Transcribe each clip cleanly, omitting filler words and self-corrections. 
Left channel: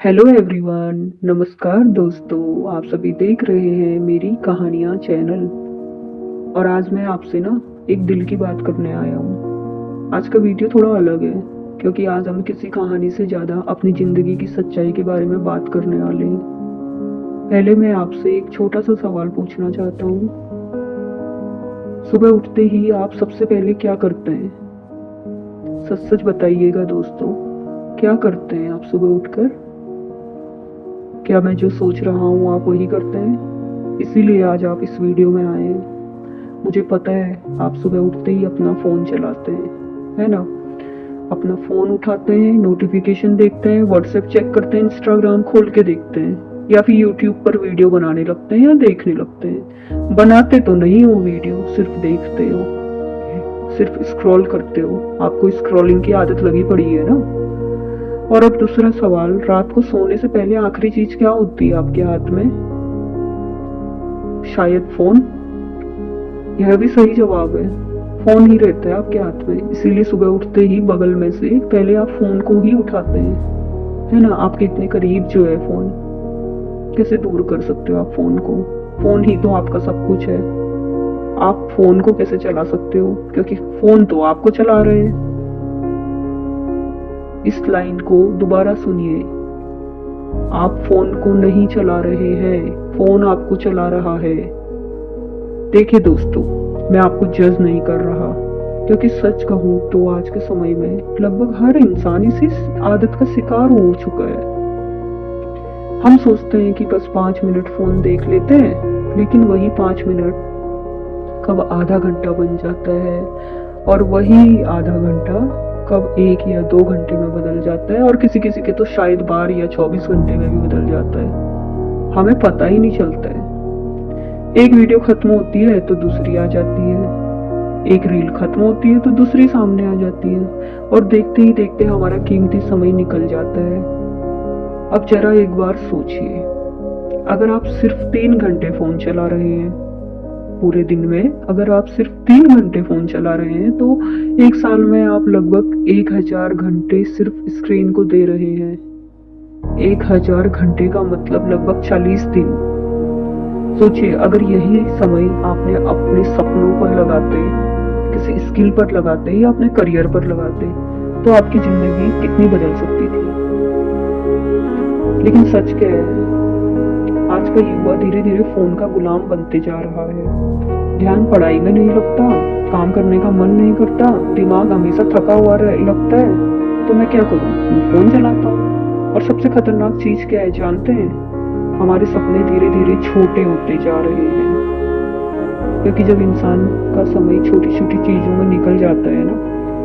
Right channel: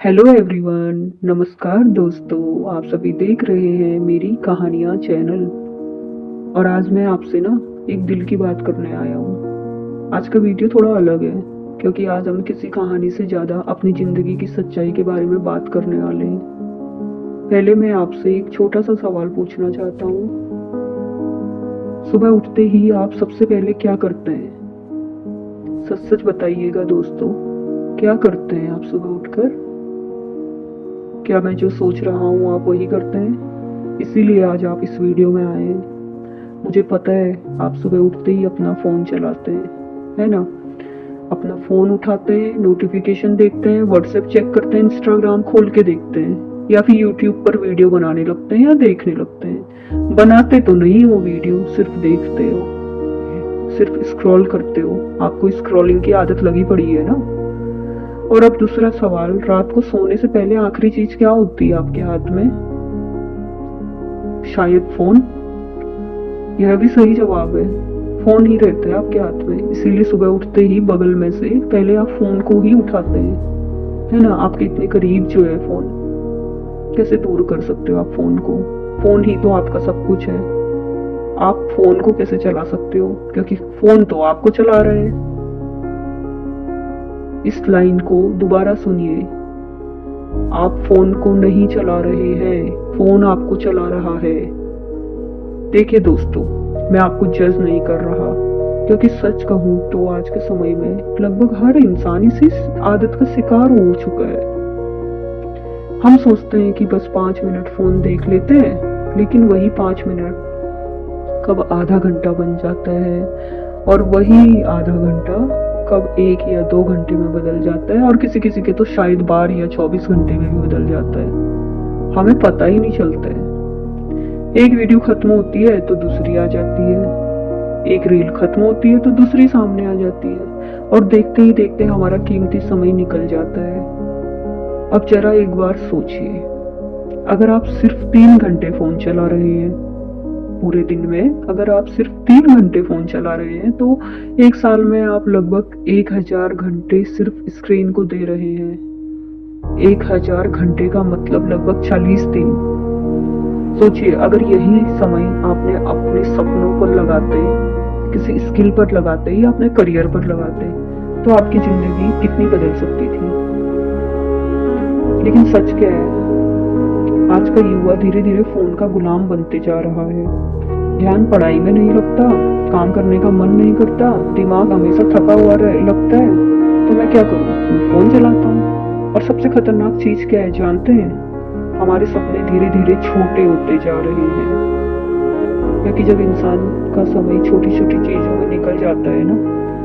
Hello everyone, नमस्कार दोस्तों। आप सभी देख रहे हैं मेरी कहानियाँ चैनल। और आज मैं आपसे ना एक दिल की बात करने आया हूँ। आज का वीडियो थोड़ा अलग है क्योंकि आज हम किसी कहानी से ज़्यादा अपनी ज़िंदगी की सच्चाई के बारे में बात करने वाले हैं। पहले मैं आपसे एक छोटा सा सवाल पूछना चाहता हूँ। सुबह उठते ही आप सबसे पहले क्या करते हैं? सच सच बताइएगा दोस्तों, क्या करते हैं आप सुबह उठकर? क्या मैं जो सोच रहा हूँ आप वही करते हैं? इसीलिए आज आप इस वीडियो में आए हैं। मुझे पता है आप सुबह उठते ही अपना फ़ोन चलाते हैं, है ना? अपना फ़ोन उठाते हैं, नोटिफिकेशन देखते हैं, व्हाट्सएप चेक करते हैं, इंस्टाग्राम खोल के देखते हैं या फिर यूट्यूब पर वीडियो बनाने लगते हैं या देखने लगते हैं। बनाते तो नहीं हो वीडियो, सिर्फ देखते हो, सिर्फ स्क्रॉल करते हो। आपको स्क्रॉलिंग की आदत लगी पड़ी है ना? और अब दूसरा सवाल, रात को सोने से पहले आखिरी चीज क्या होती है आपके हाथ में? शायद फोन। यह भी सही जवाब है, फोन ही रहता है आपके हाथ में। इसीलिए सुबह उठते ही बगल में से पहले आप फोन को ही उठाते हैं, है ना? आपके इतने करीब जो है फोन, कैसे दूर कर सकते हो आप फोन को? फोन ही तो आपका सब कुछ है। आप फोन को कैसे चला सकते हो? क्योंकि फोन तो आपको चला रहे हैं। इस लाइन को दोबारा सुनिए, आप फोन को नहीं चला रहे हैं, फोन आपको चला रहा है। देखिए दोस्तों, मैं आपको जज नहीं कर रहा, क्योंकि सच कहूँ तो आज के समय में लगभग हर इंसान इसी आदत का शिकार हो चुका है। हम सोचते हैं कि बस 5 मिनट फोन देख लेते हैं, लेकिन वही 5 मिनट कब आधा घंटा बन जाता है, और वही आधा घंटा कब 1 या 2 घंटे में बदल जाता है, और किसी किसी के तो शायद 12 या 24 घंटे में भी बदल जाता है। हमें पता ही नहीं चलता है। एक वीडियो खत्म होती है तो दूसरी आ जाती है, एक रील खत्म होती है तो दूसरी सामने आ जाती है, और देखते ही देखते हमारा कीमती समय निकल जाता है। अब जरा एक बार सोचिए, अगर आप सिर्फ 3 घंटे फोन चला रहे हैं पूरे दिन में, अगर आप सिर्फ 3 घंटे फोन चला रहे हैं तो एक साल में आप लगभग 1000 घंटे सिर्फ स्क्रीन को दे रहे हैं। 1000 घंटे का मतलब लगभग 40 दिन। सोचिए, अगर यही समय आपने अपने सपनों पर लगाते, किसी स्किल पर लगाते या अपने करियर पर लगाते, तो आपकी जिंदगी कितनी बदल सकती थी। लेकिन सच क्या है, आज का युवा धीरे धीरे फोन का गुलाम बनते जा रहा है। ध्यान पढ़ाई में नहीं लगता, काम करने का मन नहीं करता, दिमाग हमेशा थका हुआ लगता है। तो मैं क्या करूँ? मैं फोन चलाता हूँ। और सबसे खतरनाक चीज क्या है जानते हैं? हमारे सपने धीरे धीरे छोटे होते जा रहे हैं, क्योंकि जब इंसान का समय छोटी छोटी चीजों में निकल जाता है ना,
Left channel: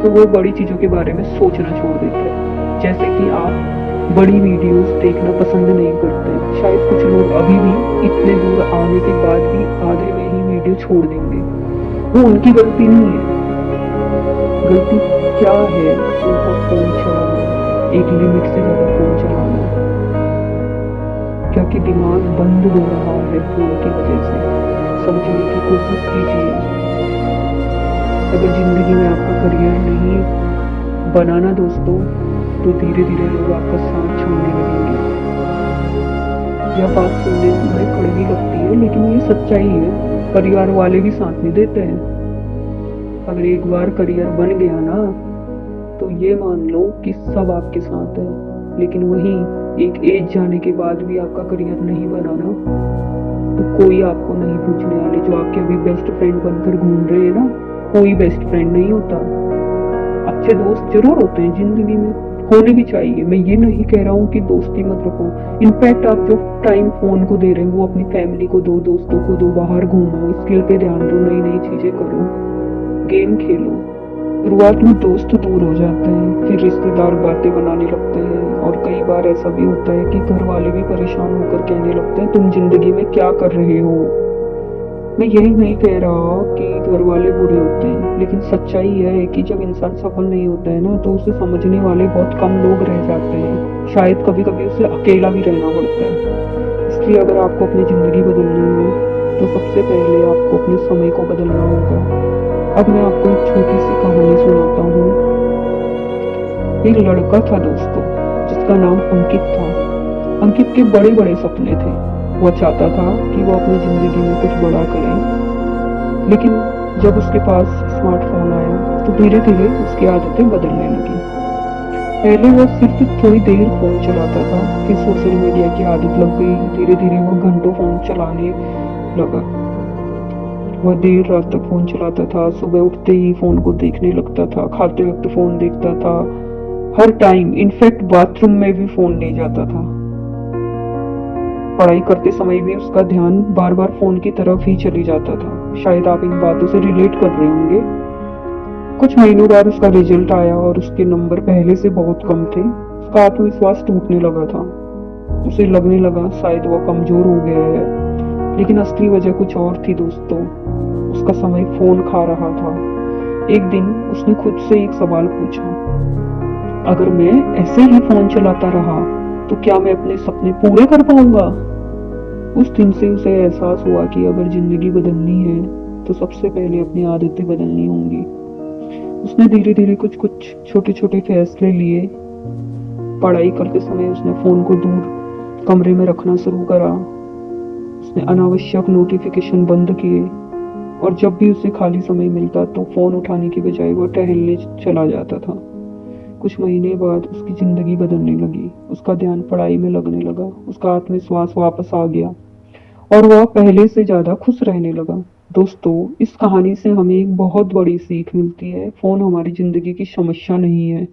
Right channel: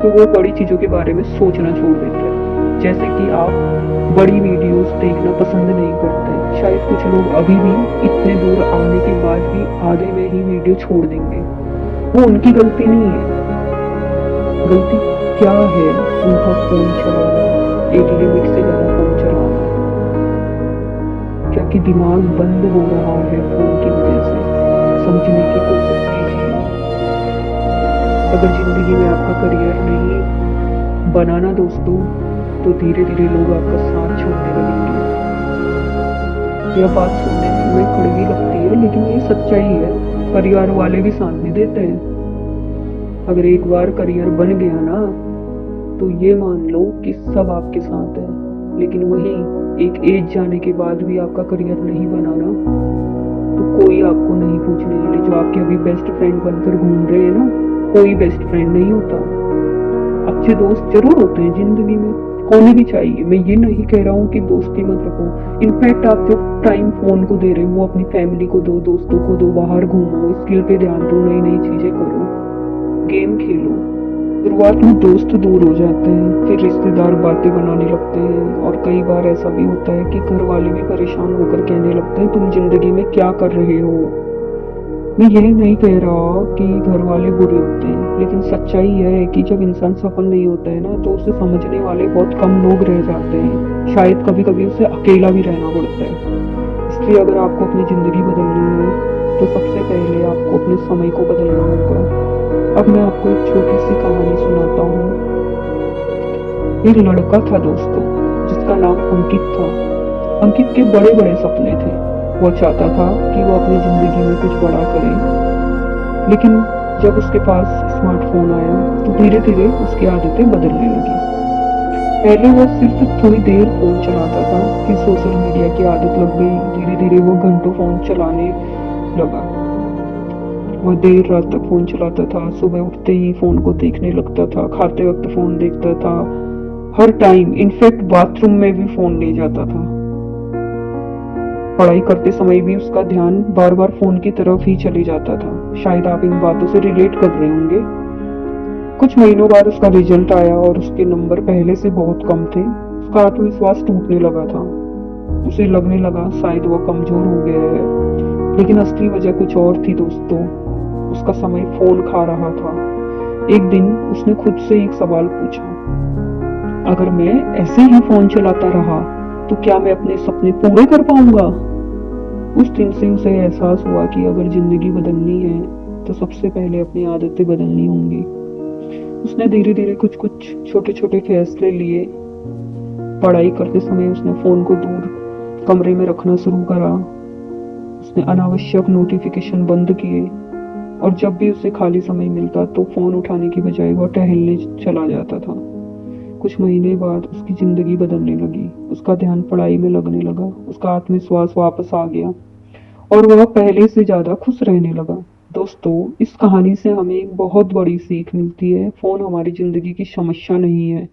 तो वो बड़ी चीजों के बारे में सोचना छोड़ देता है। जैसे कि आप बड़ी वीडियोस देखना पसंद नहीं करते, शायद कुछ लोग अभी भी इतने दूर आने के बाद भी आगे में ही वीडियो छोड़ देंगे। वो उनकी गलती नहीं है। गलती क्या है? उनका फोन चलाना, एक लिमिट से ज्यादा फोन चलाना, क्योंकि दिमाग बंद हो रहा है फोन की वजह से। समझने की कोशिश कीजिए, अगर जिंदगी में आपका करियर नहीं बनाना दोस्तों, तो धीरे धीरे लोग आपका साथ छोड़ने लगेंगे। यह बात सुनने में कड़वी लगती है, लेकिन ये सच्चाई है। परिवार वाले भी साथ नहीं देते हैं। अगर एक बार करियर बन गया ना, तो ये मान लो कि सब आपके साथ है। लेकिन वही एक एज जाने के बाद भी आपका करियर नहीं बना ना, तो कोई आपको नहीं पूछने वाले। जो आपके अभी बेस्ट फ्रेंड बनकर घूम रहे हैं ना, कोई बेस्ट फ्रेंड नहीं होता। अच्छे दोस्त जरूर होते हैं जिंदगी में, होने भी चाहिए। मैं ये नहीं कह रहा हूँ कि दोस्ती मत रखो। इनफैक्ट आप जो टाइम फोन को दे रहे हो वो अपनी फैमिली को दो, दोस्तों को दो, बाहर घूमो, स्किल पे ध्यान दो, नई नई चीजें करो, गेम खेलो। शुरुआत में दोस्त दूर हो जाते हैं, फिर रिश्तेदार बातें बनाने लगते हैं, और कई बार ऐसा भी होता है कि घर वाले भी परेशान होकर कहने लगते हैं तुम जिंदगी में क्या कर रहे हो। मैं यही नहीं कह रहा कि घर वाले बुरे होते हैं, लेकिन सच्चाई यह है कि जब इंसान सफल नहीं होता है ना, तो उसे समझने वाले बहुत कम लोग रह जाते हैं। शायद कभी कभी उसे अकेला भी रहना पड़ता है। इसलिए अगर आपको अपनी जिंदगी बदलनी हो, तो सबसे पहले आपको अपने समय को बदलना होगा। अब मैं आपको एक छोटी सी कहानी सुनाता हूँ। एक लड़का था दोस्तों, जिसका नाम अंकित था। अंकित के बड़े बड़े सपने थे। वो चाहता था कि वो अपनी जिंदगी में कुछ बड़ा करे, लेकिन जब उसके पास स्मार्टफोन आया तो धीरे धीरे उसकी आदतें बदलने लगी। पहले वो सिर्फ थोड़ी देर फोन चलाता था, फिर सोशल मीडिया की आदत लग गई। धीरे धीरे वो घंटों फोन चलाने लगा। वह देर रात तक फोन चलाता था, सुबह उठते ही फोन को देखने लगता था, खाते वक्त फोन देखता था, हर टाइम, इनफैक्ट बाथरूम में भी फोन ले जाता था। पढ़ाई करते समय भी उसका ध्यान बार बार फोन की तरफ ही चले जाता था। शायद आप इन बातों से रिलेट कर रहे होंगे। कुछ महीनों बाद उसका रिजल्ट आया और उसके नंबर पहले से बहुत कम थे। उसका आत्मविश्वास टूटने लगा था। उसे लगने लगा शायद वो कमजोर हो गया है, लेकिन असली वजह कुछ और थी दोस्तों। उसका समय फोन खा रहा था। एक दिन उसने खुद से एक सवाल पूछा, अगर मैं ऐसे ही फोन चलाता रहा तो क्या मैं अपने सपने पूरे कर पाऊंगा? उस दिन से उसे एहसास हुआ कि अगर जिंदगी बदलनी है तो सबसे पहले अपनी आदतें बदलनी होंगी। उसने धीरे धीरे कुछ कुछ छोटे छोटे फैसले लिए। पढ़ाई करते समय उसने फोन को दूर कमरे में रखना शुरू करा। उसने अनावश्यक नोटिफिकेशन बंद किए और जब भी उसे खाली समय मिलता तो फोन उठाने की बजाय वो टहलने चला जाता था। कुछ महीने बाद उसकी जिंदगी बदलने लगी। उसका ध्यान पढ़ाई में लगने लगा, उसका आत्मविश्वास वापस आ गया और वह पहले से ज्यादा खुश रहने लगा। दोस्तों, इस कहानी से हमें एक बहुत बड़ी सीख मिलती है। फोन हमारी जिंदगी की समस्या नहीं है।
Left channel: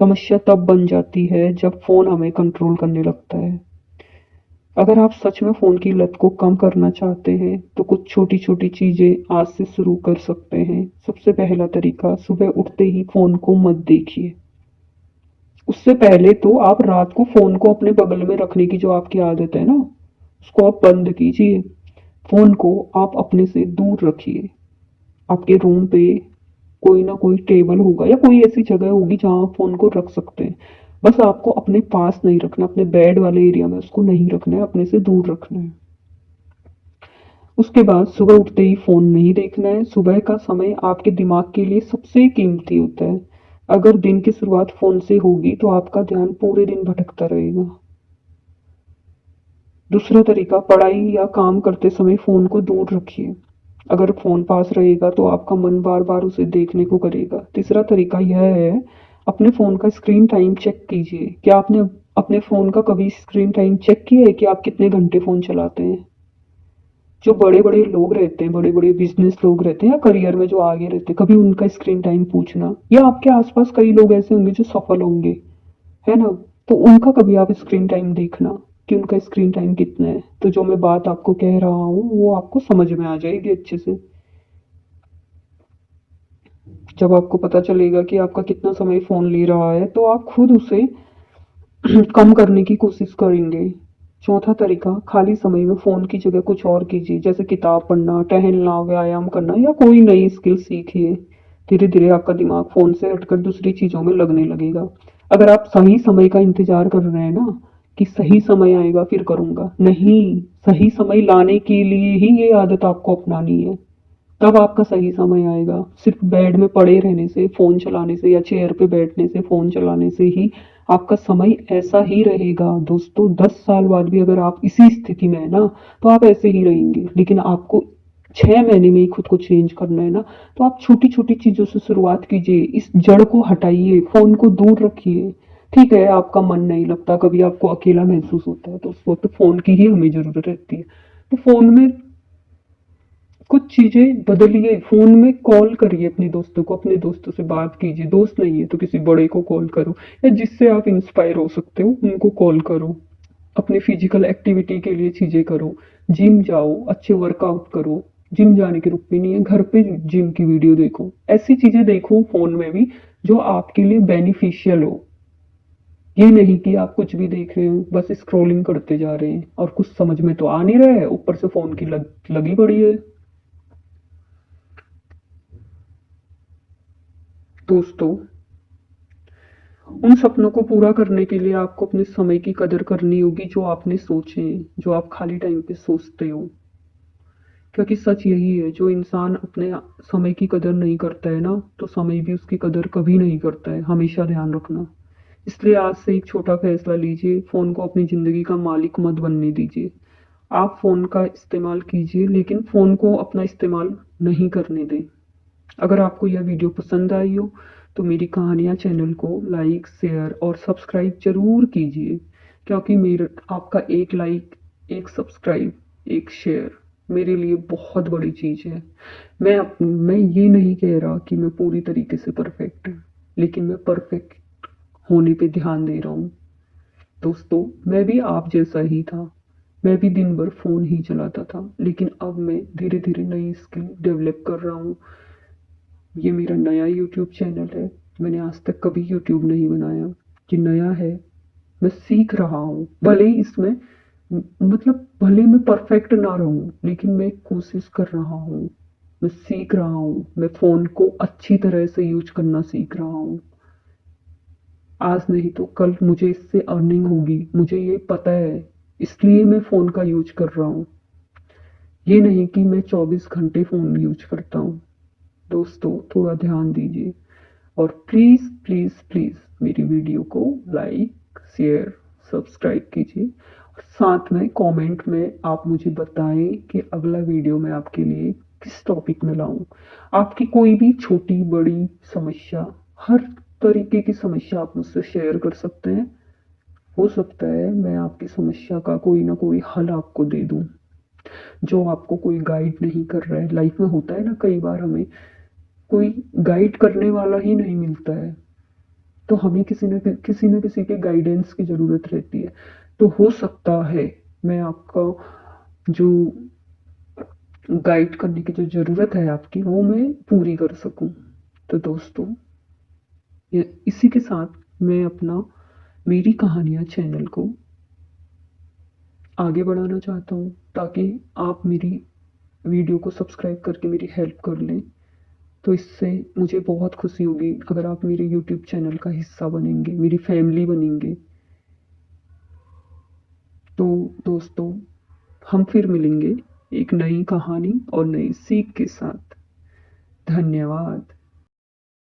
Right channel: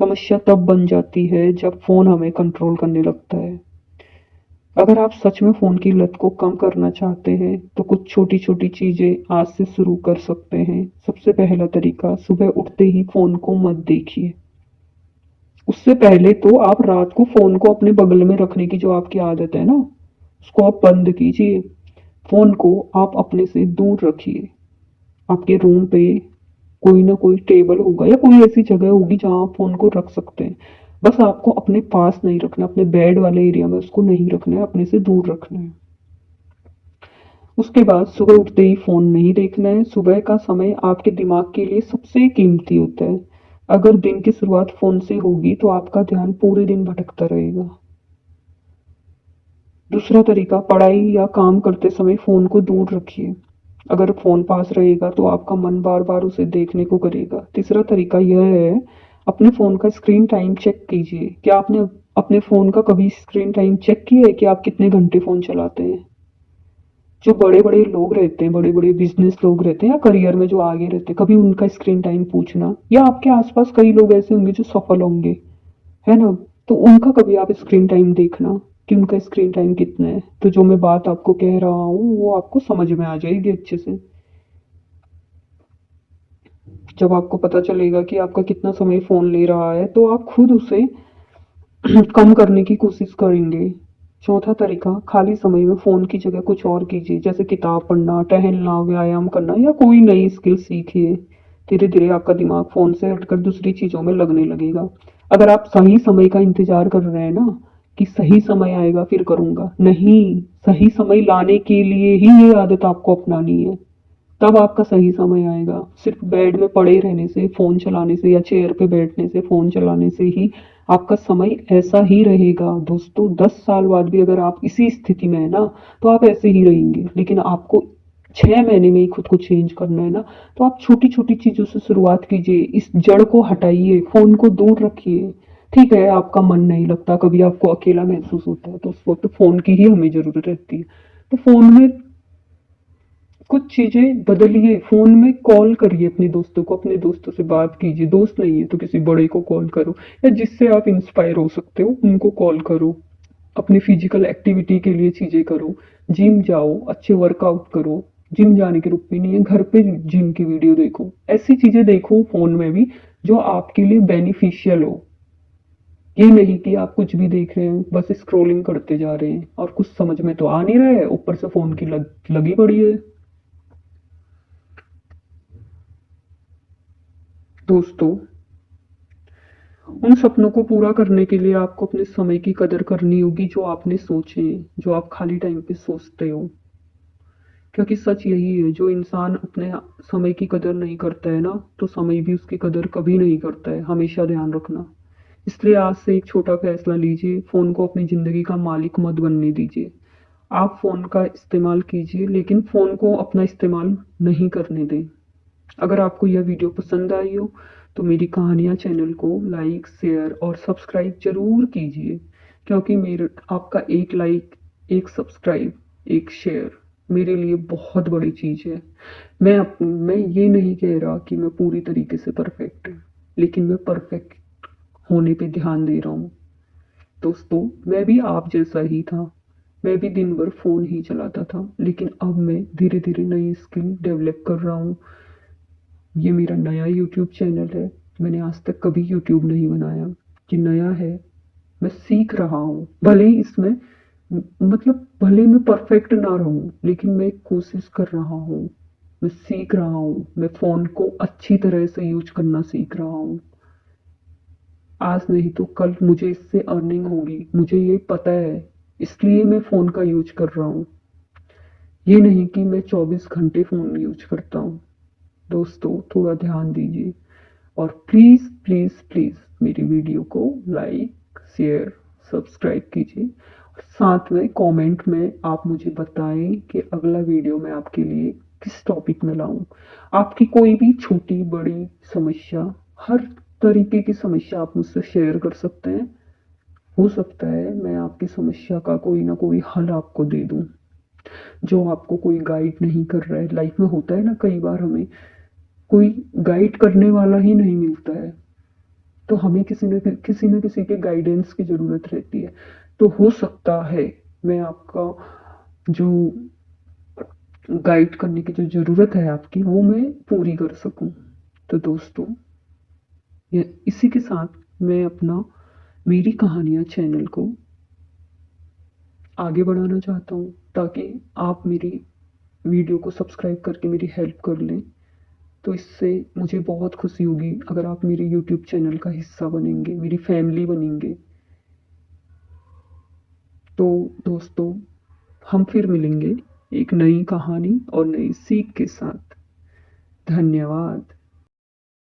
समस्या तब बन जाती है जब फोन हमें कंट्रोल करने लगता है। अगर आप सच में फोन की लत को कम करना चाहते हैं तो कुछ छोटी छोटी चीजें आज से शुरू कर सकते हैं। सबसे पहला तरीका, सुबह उठते ही फोन को मत देखिए। उससे पहले तो आप रात को फोन को अपने बगल में रखने की जो आपकी आदत है ना, उसको आप बंद कीजिए। फोन को आप अपने से दूर रखिए। आपके रूम पे कोई ना कोई टेबल होगा या कोई ऐसी जगह होगी जहां आप फोन को रख सकते हैं। बस आपको अपने पास नहीं रखना, अपने बेड वाले एरिया में उसको नहीं रखना है, अपने से दूर रखना है। उसके बाद सुबह उठते ही फोन नहीं देखना है। सुबह का समय आपके दिमाग के लिए सबसे कीमती होता है। अगर दिन की शुरुआत फोन से होगी तो आपका ध्यान पूरे दिन भटकता रहेगा। दूसरा तरीका, पढ़ाई या काम करते समय फोन को दूर रखिए। अगर फोन पास रहेगा तो आपका मन बार बार उसे देखने को करेगा। तीसरा तरीका यह है, अपने फोन का स्क्रीन टाइम चेक कीजिए। क्या आपने अपने फोन का कभी स्क्रीन टाइम चेक किया है कि आप कितने घंटे फोन चलाते हैं? जो बड़े बड़े लोग रहते हैं, बड़े बड़े बिजनेस लोग रहते हैं या करियर में जो आगे रहते हैं, कभी उनका स्क्रीन टाइम पूछना, या आपके आसपास कई लोग ऐसे होंगे जो सफल होंगे, है ना? तो उनका कभी आप स्क्रीन टाइम देखना कि उनका स्क्रीन टाइम कितना है। तो जो मैं बात आपको कह रहा हूँ वो आपको समझ में आ जाएगी अच्छे से। जब आपको पता चलेगा कि आपका कितना समय फोन ले रहा है तो आप खुद उसे कम करने की कोशिश करेंगे। चौथा तरीका, खाली समय में फोन की जगह कुछ और कीजिए, जैसे किताब पढ़ना, टहलना, व्यायाम करना या कोई नई स्किल सीखिए। धीरे धीरे आपका दिमाग फोन से हटकर दूसरी चीजों में लगने लगेगा। अगर आप सही समय का इंतजार कर रहे हैं ना कि सही समय आएगा फिर करूंगा, नहीं, सही समय लाने के लिए ही ये आदत आपको अपनानी है। तब आपका सही समय आएगा। सिर्फ बेड में पड़े रहने से, फोन चलाने से या चेयर पे बैठने से, फोन चलाने से ही आपका समय ऐसा ही रहेगा। दोस्तों, 10 साल बाद भी अगर आप इसी स्थिति में है ना तो आप ऐसे ही रहेंगे। लेकिन आपको 6 महीने में ही खुद को चेंज करना है ना, तो आप छोटी छोटी चीजों से शुरुआत कीजिए। इस जड़ को हटाइए, फोन को दूर रखिए। ठीक है, आपका मन नहीं लगता, कभी आपको अकेला महसूस होता है तो उस वक्त फोन की ही हमें जरूरत रहती है। तो फोन में कुछ चीजें बदलिए। फोन में कॉल करिए अपने दोस्तों को, अपने दोस्तों से बात कीजिए। दोस्त नहीं है तो किसी बड़े को कॉल करो या जिससे आप इंस्पायर हो सकते हो उनको कॉल करो। अपनी फिजिकल एक्टिविटी के लिए चीजें करो। जिम जाओ, अच्छे वर्कआउट करो। जिम जाने की रुकती नहीं है, घर पे जिम की वीडियो देखो। ऐसी चीजें देखो फोन में भी जो आपके लिए बेनिफिशियल हो। ये नहीं कि आप कुछ भी देख रहे हैं, बस स्क्रॉलिंग करते जा रहे हैं और कुछ समझ में तो आ नहीं रहा है, ऊपर से फोन की लगी पड़ी है। दोस्तों, उन सपनों को पूरा करने के लिए आपको अपने समय की कदर करनी होगी जो आपने सोचे, जो आप खाली टाइम पे सोचते हो। क्योंकि सच यही है, जो इंसान अपने समय की कदर नहीं करता है ना तो समय भी उसकी कदर कभी नहीं करता है। हमेशा ध्यान रखना। इसलिए आज से एक छोटा फैसला लीजिए, फ़ोन को अपनी ज़िंदगी का मालिक मत बनने दीजिए। आप फ़ोन का इस्तेमाल कीजिए, लेकिन फ़ोन को अपना इस्तेमाल नहीं करने दें। अगर आपको यह वीडियो पसंद आई हो, तो मेरी कहानियाँ चैनल को लाइक, शेयर और सब्सक्राइब ज़रूर कीजिए, क्योंकि मेरा आपका एक लाइक, एक सब्सक्राइब, एक शेयर मेरे लिए बहुत बड़ी चीज़ है। मैं ये नहीं कह रहा कि मैं पूरी तरीके से परफेक्ट हूँ, लेकिन मैं परफेक्ट होने पे ध्यान दे रहा हूँ। दोस्तों, मैं भी आप जैसा ही था। मैं भी दिन भर फ़ोन ही चलाता था, लेकिन अब मैं धीरे-धीरे नई स्किल डेवलप कर रहा हूँ। ये मेरा नया यूट्यूब चैनल है। मैंने आज तक कभी यूट्यूब नहीं बनाया। ये नया है। मैं सीख रहा हूँ। भले ही इसमें मतलब भले मैं परफेक्ट ना रहूँ, लेकिन मैं कोशिश कर रहा हूँ। मैं सीख रहा हूँ। मैं फ़ोन को अच्छी तरह से यूज़ करना सीख रहा हूँ। आज नहीं तो कल मुझे इससे अर्निंग होगी, मुझे ये पता है। इसलिए मैं फ़ोन का यूज़ कर रहा हूँ। ये नहीं कि मैं 24 घंटे फ़ोन यूज़ करता हूँ। दोस्तों, थोड़ा ध्यान दीजिए और प्लीज़ प्लीज़ प्लीज़ मेरी वीडियो को लाइक, शेयर, सब्सक्राइब कीजिए। और साथ में कमेंट में आप मुझे बताएं कि अगला वीडियो मैं आपके लिए किस टॉपिक में लाऊं। आपकी कोई भी छोटी बड़ी समस्या, हर तरीके की समस्या आप मुझसे शेयर कर सकते हैं। हो सकता है मैं आपकी समस्या का कोई ना कोई हल आपको दे दूं, जो आपको कोई गाइड नहीं कर रहा है। लाइफ में होता है ना, कई बार हमें कोई गाइड करने वाला ही नहीं मिलता है, तो हमें किसी न किसी के गाइडेंस की ज़रूरत रहती है। तो हो सकता है मैं आपका जो गाइड करने की जो ज़रूरत है आपकी, वो मैं पूरी कर सकूं। तो दोस्तों, ये इसी के साथ मैं अपना मेरी कहानियाँ चैनल को आगे बढ़ाना चाहता हूँ, ताकि आप मेरी वीडियो को सब्सक्राइब करके मेरी हेल्प कर लें। तो इससे मुझे बहुत खुशी होगी अगर आप मेरे यूट्यूब चैनल का हिस्सा बनेंगे, मेरी फैमिली बनेंगे। तो दोस्तों, हम फिर मिलेंगे एक नई कहानी और नई सीख के साथ। धन्यवाद।